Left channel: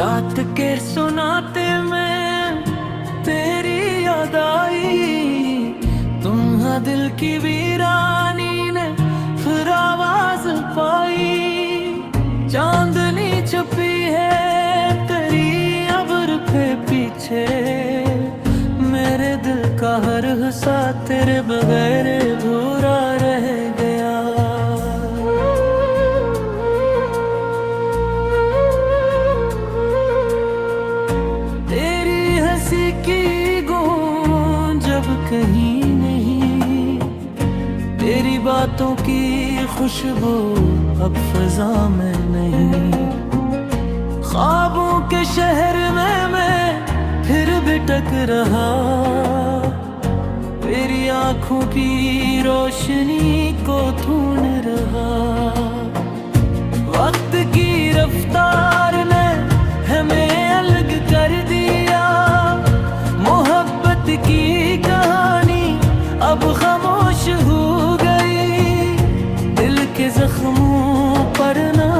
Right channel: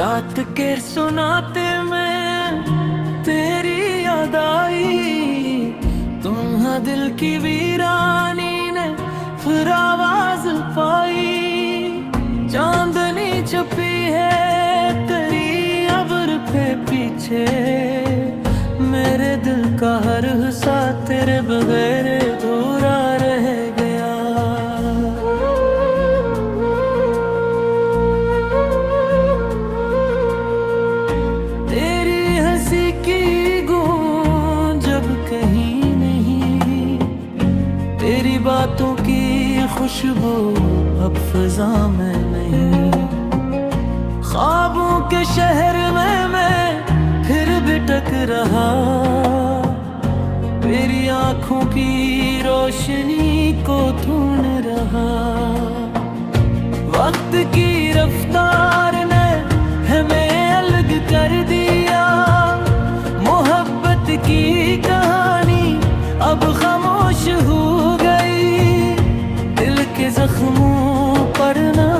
रात के सुनाते में तेरी याद आई, तुम्हारा दिल की वीरानी ने फिर आवाज पाई। चांदनी छुपी है तेरी अब्र पे पीछे, मेरे दिल का हर हिस्सा तेरे बगैर अधूरा रह गया। तेरी हंसी की गूंज जब कहीं नहीं, तेरी बातों की खुशबू अब फिजा में नहीं। ख्वाबों के शहर में मैं फिर भटक रहा, तेरी आंखों की रोशनी को ढूंढ रहा। वक्त की रफ्तार ने हमें अलग कर दिया, मोहब्बत की कहानी अब खामोश हो गई। दिल के जख्मों पर ना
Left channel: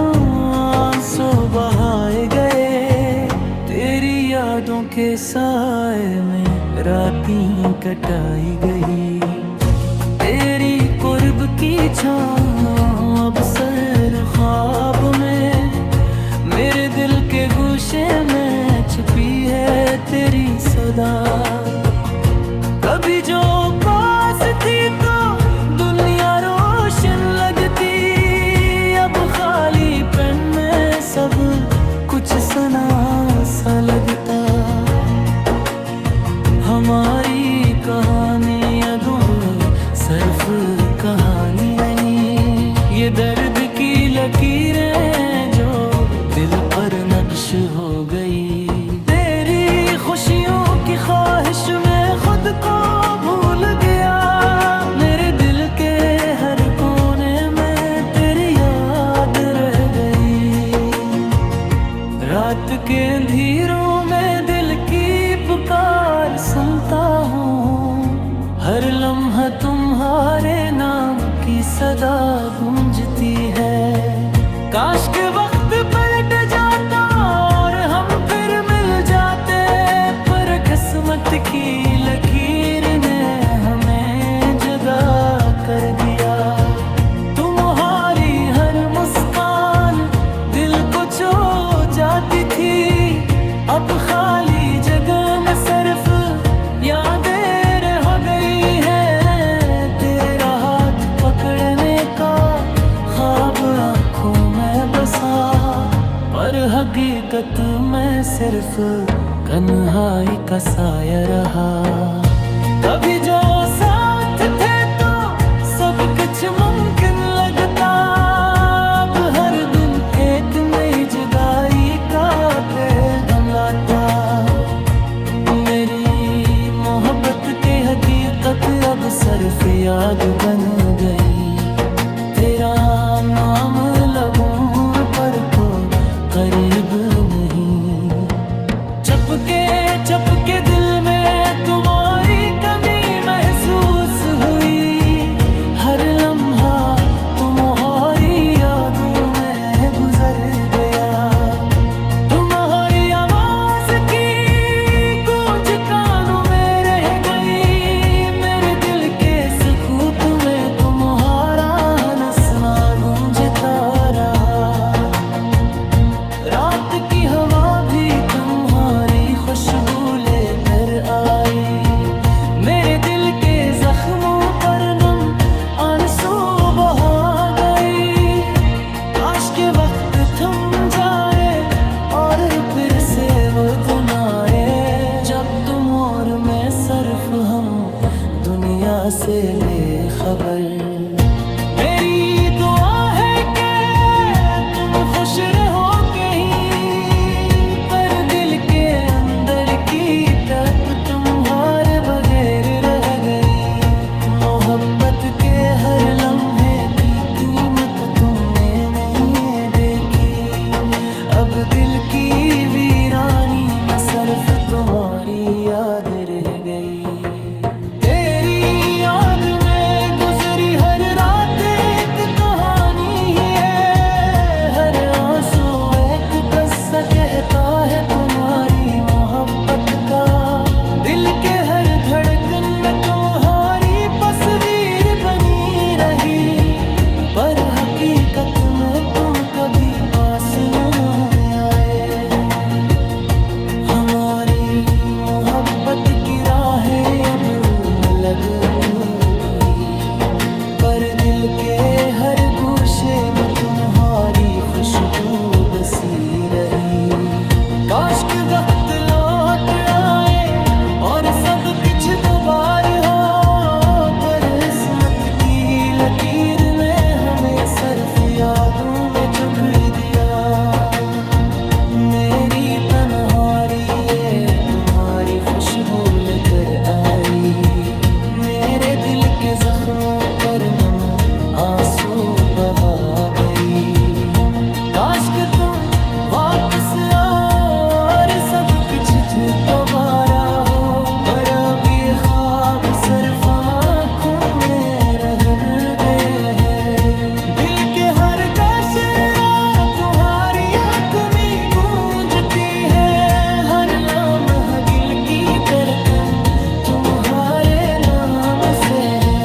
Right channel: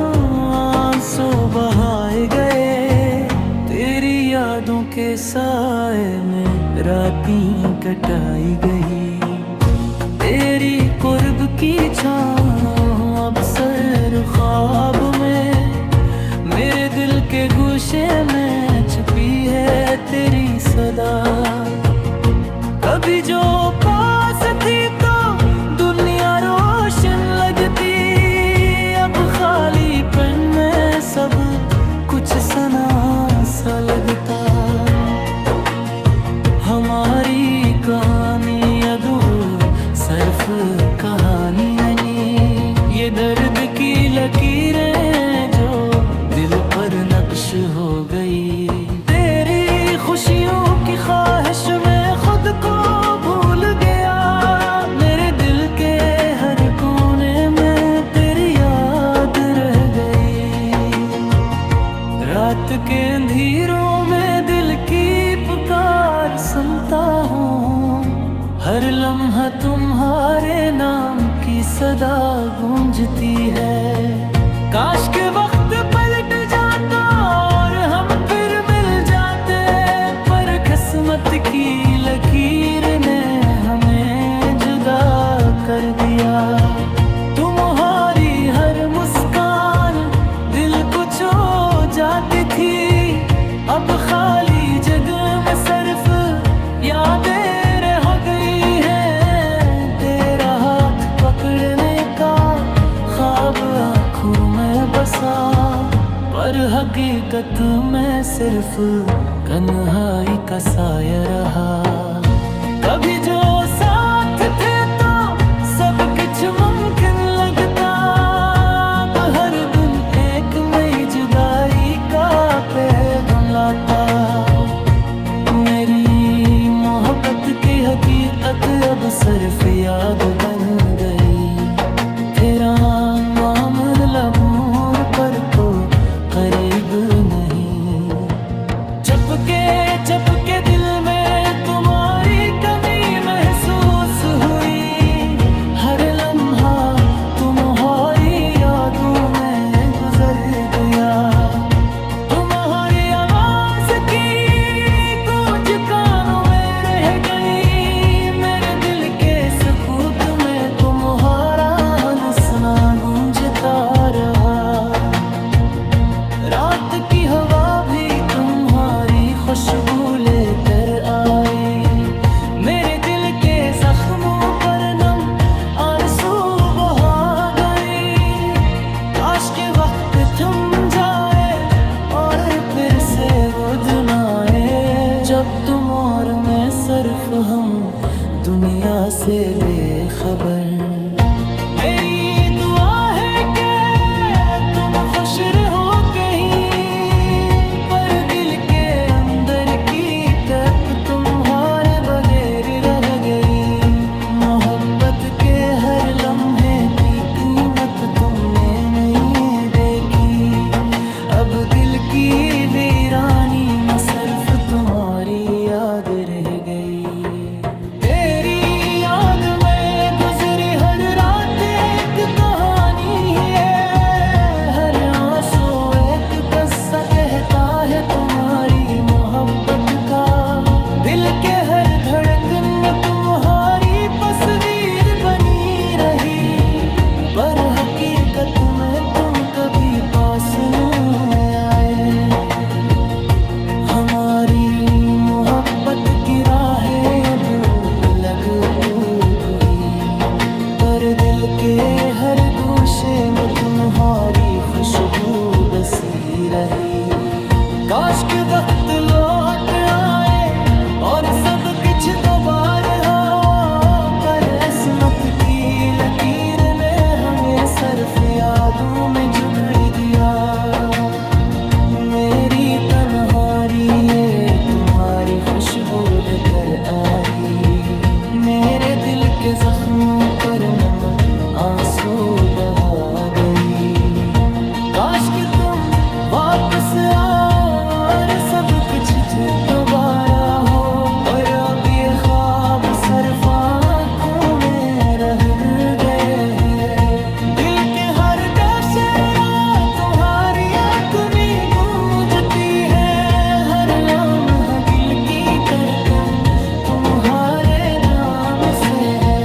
आंसू बहाए गए, तेरी यादों के साए में रातें कटाई गई। तेरी कुर्ब की छाँव अब सर ख्वाब में, मेरे दिल के गोशे में छुपी है तेरी सदा। कभी जो पास थी तो दुनिया रोशन लगती, अब खालीपन में सब कुछ सना सा लगता। हमारी कहानी अधूरी सिर्फ कहानी नहीं, ये दर्द की लकीरें जो दिल पर नक्श हो गई। तेरी खुशियों की ख्वाहिश में खुद को भूल गया, मेरे दिल के हर कोने में तेरी याद रह गई। रात के अंधेरों में दिल की पुकार सुनता हूँ, हर लम्हा तुम्हारे नाम की सदा गूंजती है। काश के वक्त पलट जाता और हम फिर मिल जाते, पर किस्मत की लकीर ने हमें जुदा कर दिया। तुम्हारी हर मुस्कान दिल को छू जाती थी, अब खाली जगह में सिर्फ यादें रह गई है। तेरा हाथ पकड़ने का ख्वाब आँखों में बसा, पर हकीकत में सिर्फ कन्हाई का साया रहा। कभी जो साथ थे तो सब कुछ मुमकिन लगता, अब हर दिन एक नई जुदाई का पैगाम लाता। मेरी मोहब्बत की हकीकत अब सिर्फ याद बन गई, तेरा नाम लबों पर को करीब नहीं। चपके दिल में तुम्हारी कमी महसूस हुई, हर लम्हा तुम्हारी यादों में गुजर गया। तुम्हारी आवाज की गूंज कानों में रह गई, मेरे दिल के सुकूत में तुम्हारा हंसना गूंजता रहा। रात की हवा भी तुम्हारी खुशबू लेकर आई, मेरे दिल के जख्मों पर नम आंसू बहा गई। काश के वक्त थम जाए और फिर से वो दिन आए, जब तुम और मैं सिर्फ हम दुनिया से बेखबर। मेरी दुआ है कि तुम खुश रहो कहीं, पर दिल के अंदर की तड़प तुम्हारे बगैर रह गई। मोहब्बत के हर लम्हे की कीमत तुमने नहीं देखी, अब दिल की वीरानी में सिर्फ तुम्हारी याद रह गई। तेरी याद में गुजरी हर रात एक कहानी है, हर आंसू एक किस्सा कहता है रही, पर हकीकत में तुम कभी पास न आए। हमारी मोहब्बत की राहें अब अलग हुई, पर दिल के हर गोशे में तुम्हारी खुशबू बसी रही। काश के वक्त लौट आए और सब कुछ दोबारा हो, पर किस्मत की लकीर ने हमें सिर्फ यादों में जकड़ दिया। मेरी तन्हाई ये तुम्हारी खुशबू लेकर आई, मेरे दिल के जख्मों पर नम आंसू बहा गई। काश कि तुम वापस आओ और सब कुछ दोबारा हो, पर अब ये ख्वाब सिर्फ आँखों में रह गए हैं। दिल के हर गोशे तुम्हारी आँख में गूंजती है, हर लम्हा दिल की धड़कन तुम्हारे नाम से है।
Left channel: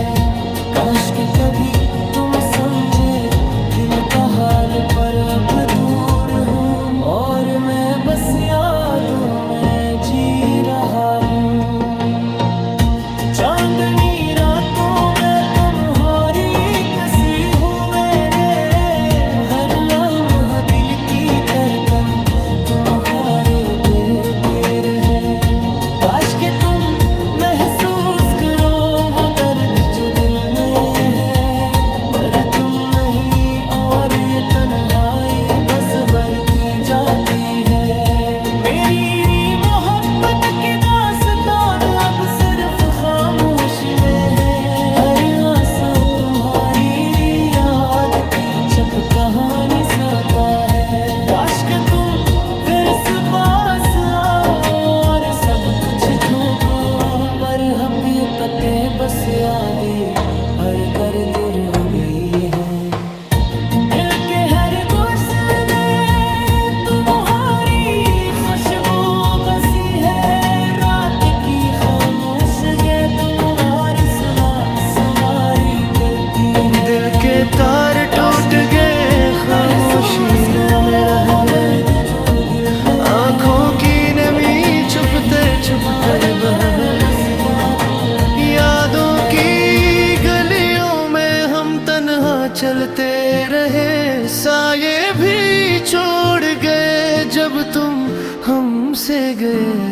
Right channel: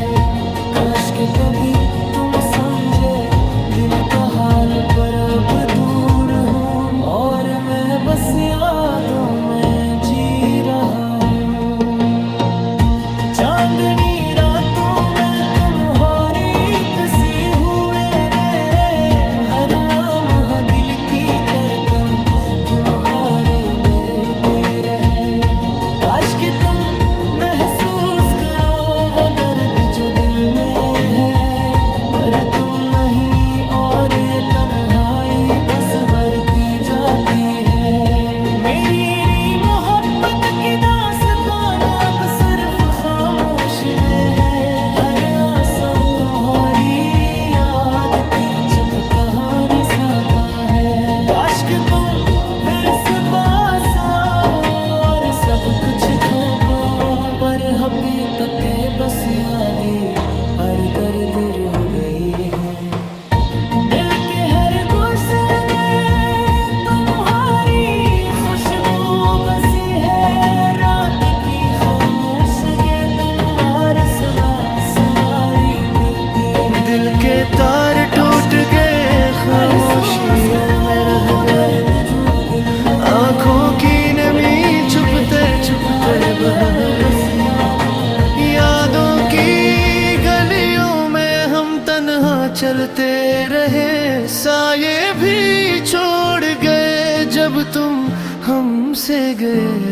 काश के कभी तुम समझे दिल का हाल, पर अब दूर हूँ और मैं बस यादों में जी रहा हूँ। चांदनी रातों में तुम्हारी तस्वीर हूँ मेरे, हर लम्हा दिल की धड़कन तुम्हारे बेदेर है। काश के तुम महसूस करो वो दर्द जो दिल में है, पर तुम नहीं और ये तन्हाई बस बढ़ती जाती है। मेरी मोहब्बत की दास्तान अब सिर्फ खामोशी में है, हर आंसू तुम्हारी याद की चप कहानी सुनाता है। काश के तुम फिर से पास आओ और सब कुछ धोखा, पर अब ये कते बस आगे हर दर्द रो गई है। दिल के हर गोशे में तुम्हारी खुशबू बसी है, रात की खामोश गे तुम्हारे सुना सवारी करती है। दिल के तार टूट गए, खामोशियों में रह गए, आँखों की नमी छुपते छुपते बही। यादों की गलियों में हम तन्हा चलते रहे, साये भी छोड़ गए जब तुम हमसे गए।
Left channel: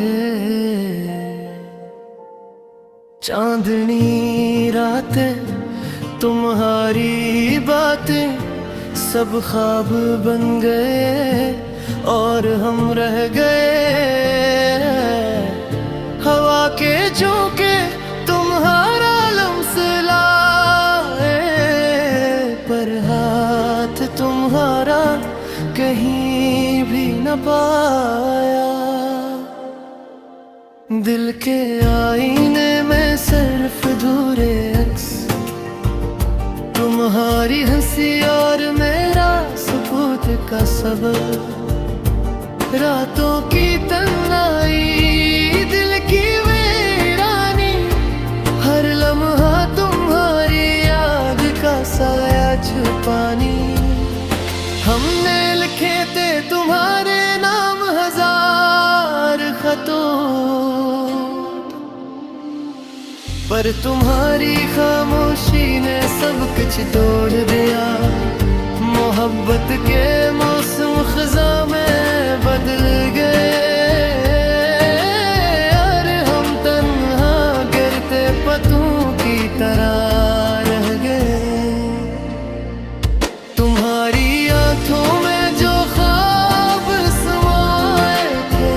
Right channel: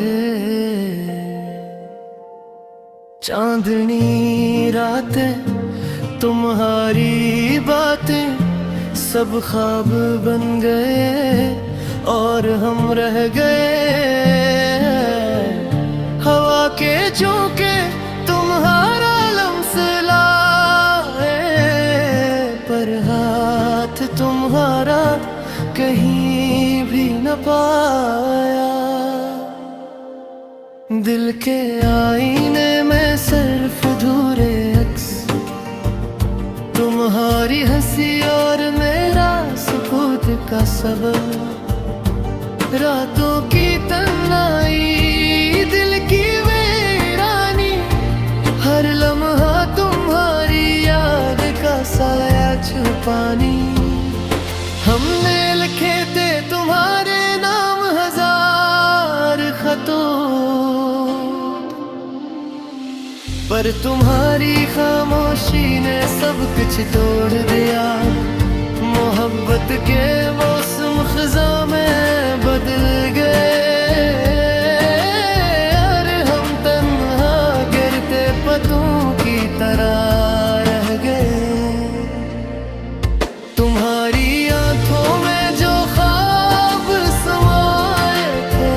चांदनी रातें तुम्हारी बातें सब ख्वाब बन गए और हम रह गए। हवा के झोंके तुम्हारा लम्स लाए, पर हाथ तुम्हारा कहीं भी न पाया। दिल के आईने में सिर्फ धूरे अक्स, तुम्हारी हंसी और मेरा सुकूत का सबब। रातों की तन्हाई दिल की वीरानी, हर लम्हा तुम्हारी याद का साया छुपानी। हमने लिखे थे तुम्हारे नाम हजार खतों, पर तुम्हारी खामोशी ने सब कुछ तोड़ दिया। मोहब्बत के मौसम खज़ा में बदल गए और हम तन्हा गिरते पत्तों की तरह रह गए। तुम्हारी आंखों में जो ख्वाब समाए थे,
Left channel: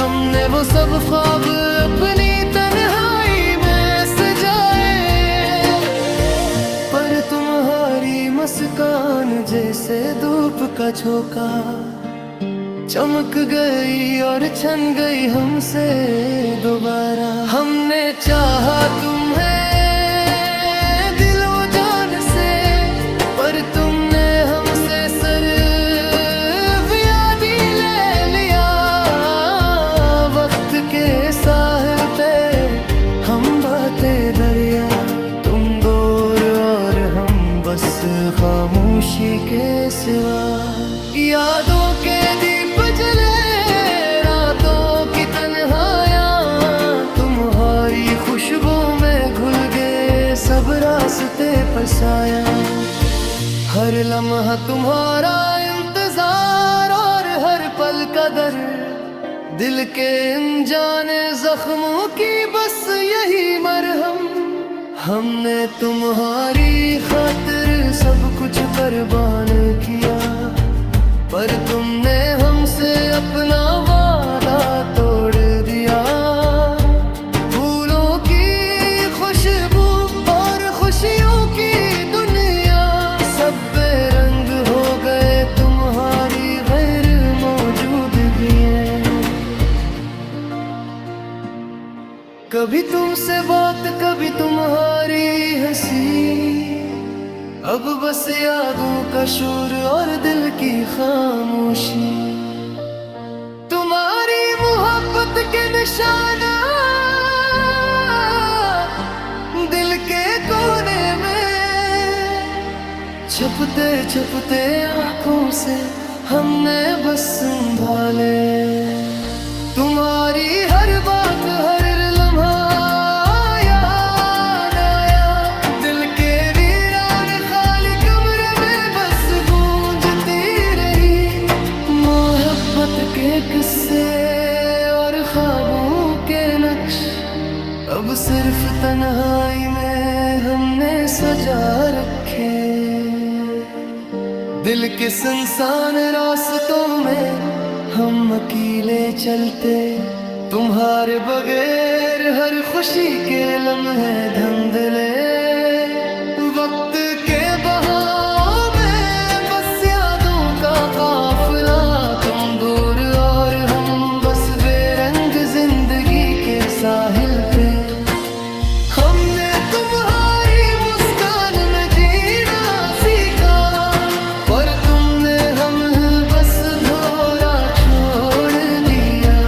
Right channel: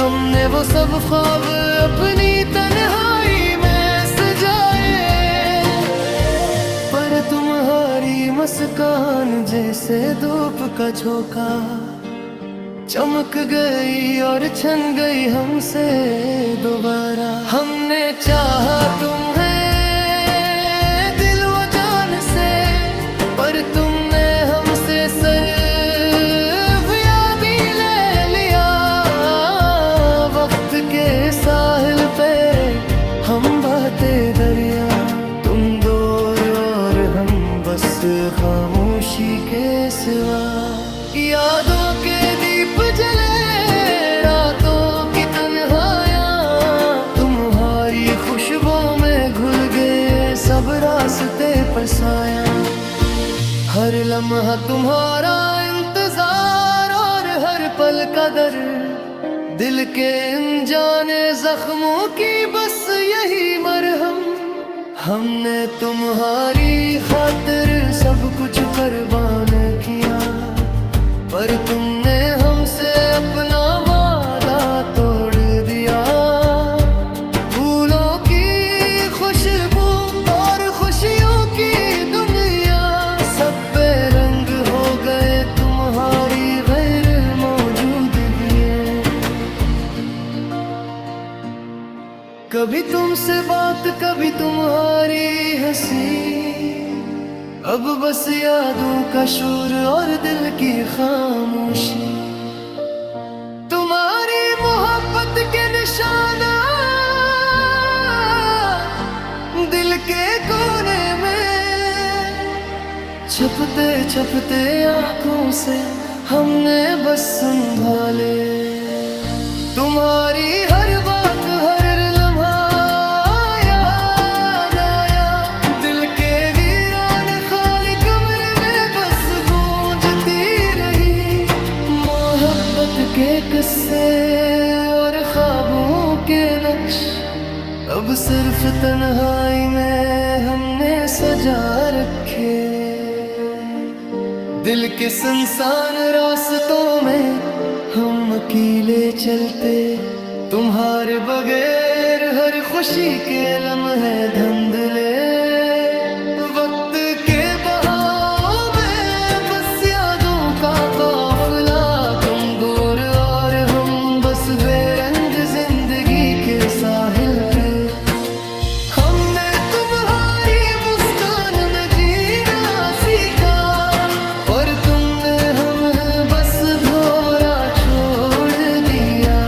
हमने वो सब ख्वाब अपनी तन्हाई में सजाए, पर तुम्हारी मुस्कान जैसे धूप का झोंका चमक गई और छन गई हमसे दोबारा। हमने चाहा तुम्हें दिल व जान से, पर तुमने हमसे सिर्फ याद ही ले लिया। वक्त के साहिल पे हम बहते दरिया, तुम दूर और हम बस खामोशी के सिवा। यादों के दीप जले रातों की तन्हाइयाँ, तुम्हारी खुशबू में घुल गए सब रास्ते पर साया। हर लम्हा तुम्हारा इंतजार और हर पल का दर्द, दिल के अनजाने जख्मों की बस यही मरहम। हमने तुम्हारी खातिर सब कुछ कुर्बान किया, पर तुमने हमसे अपना वादा तोड़ दिया। फूलों की खुशबू और खुशियों की दुनिया सब बेरंग हो गए तुम्हारी गैर मौजूदगी। कभी तुमसे बात कभी तुम्हारी हंसी, अब बस यादों का शोर और दिल की खामोशी। तुम्हारी मोहब्बत के निशाना दिल के कोने में, छपते छपते आंखों से हमने बस संभाले। तुम्हारी हर बात हर लम्हा याद आया, दिल के वीरान खाली कमरे में बस गूंजती रही। मोहब्बत के किस्से और ख्वाबों के नक्श अब सिर्फ तन्हाई में हमने सजा रखे। दिल के सुनसान रास्तों में हम अकेले चलते, तुम्हारे बगैर हर खुशी के लम्हे धुंधले। वक्त के बहाव में बस यादों का काफिला, तुम दूर और हम बस बेरंग जिंदगी के साहिल पे। हमने तुम्हारी मुस्कान में जीना सीखा, पर तुमने हमें बस धोरा छोड़ दिया।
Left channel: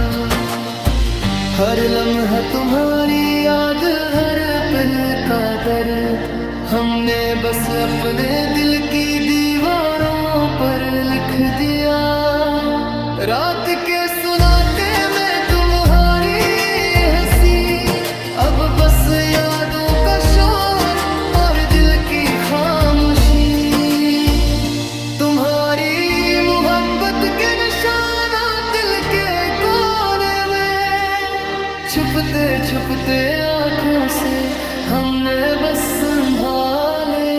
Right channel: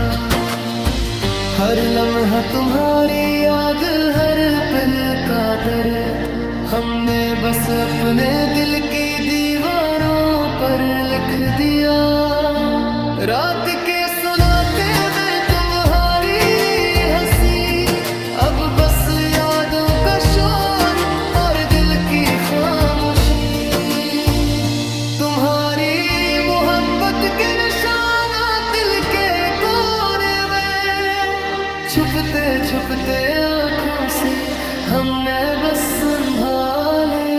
हर लम्हा तुम्हारी याद हर पल का दर्द, हमने बस अपने दिल की दीवारों पर लिख दिया। रात के सुनाते में तुम्हारी हंसी, अब बस यादों का शोर और दिल की खामोशी। तुम्हारी मोहब्बत के निशाना दिल के कोने में, छुपते छुपते आंखों से हमने बस संभाले।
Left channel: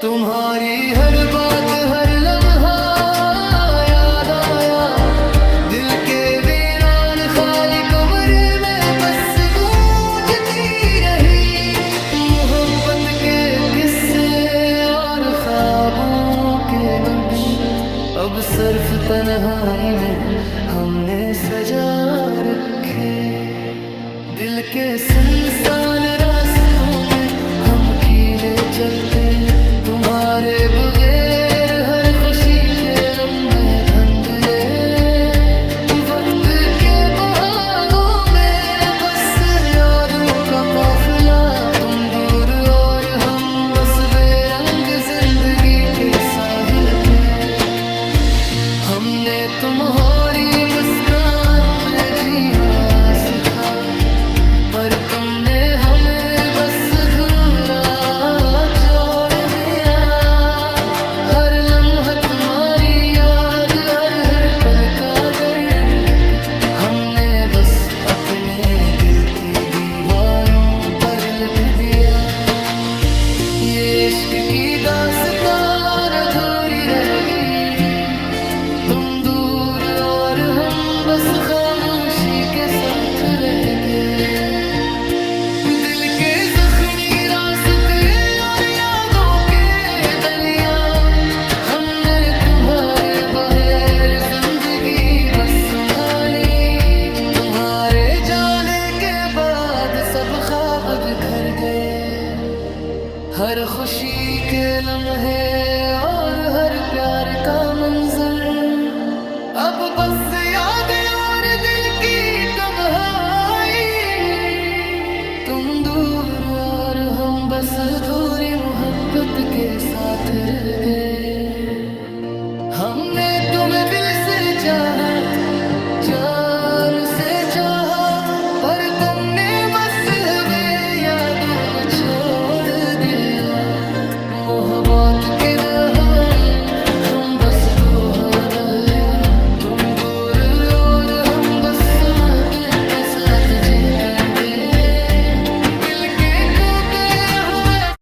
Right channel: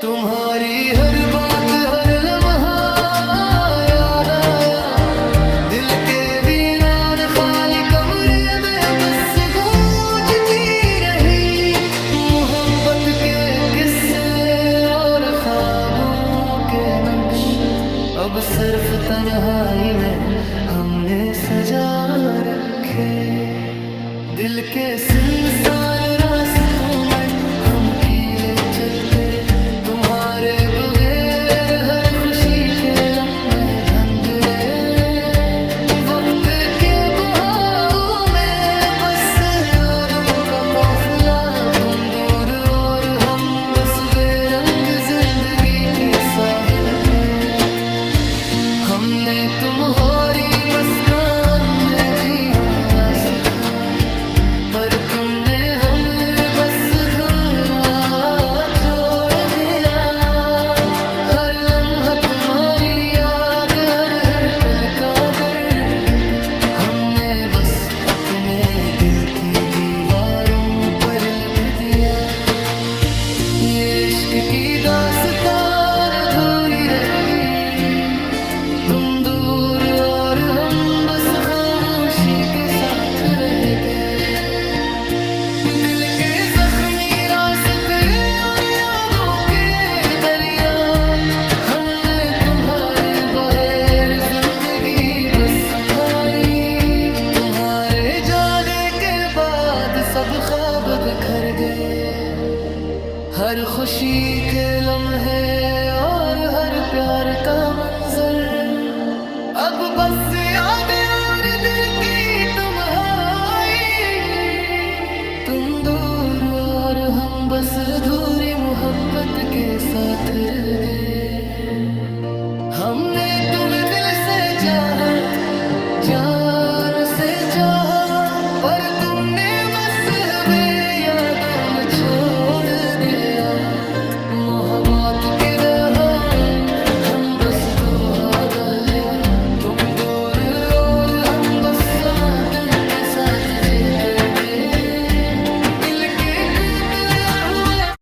तुम्हारी हर बात हर लम्हा याद आया, दिल के वीरान खाली कमरे में बस गूंजती रही। मोहब्बत के किस्से और ख्वाबों के नक्श अब सिर्फ तन्हाई में हमने सजा रखे। दिल के सुनसान रास्तों में हम अकेले चलते, तुम्हारे बगैर हर खुशी के लम्हे धुंधले। वक्त के बहाव में बस यादों का काफिला, तुम दूर और हम बस बेरंग जिंदगी के साहिल पे। हमने तुम्हारी मुस्कान में जिया सीखा, पर तुमने हमें बस धोरा जोड़ दिया। हर लम्हा तुम्हारी याद हर पल का दर्द, हमने बस अपने दिल की दीवारों पर लिख दिया। ये इश्क की दास्तान अधूरी रह गई, तुम दूर और हम बस खामोशी के साथ रह गए। दिल के जख्मी रास्ते और यादों के दरिया, हमने तुम्हारे बगैर जिंदगी बस संभाली। तुम्हारे जाने के बाद सब ख्वाब बिखर गए, हर खुशी के लम्हे और हर प्यार का मंजर अब बस यादें और दिल की तन्हाई। तुम दूर और हम बस अधूरी मोहब्बत के साथ रह गए। हमने तुम्हें दिल से चाहा, जान से चाहा, पर तुमने बस हमें यादों में छोड़ दिया। मोहब्बत की रहाएं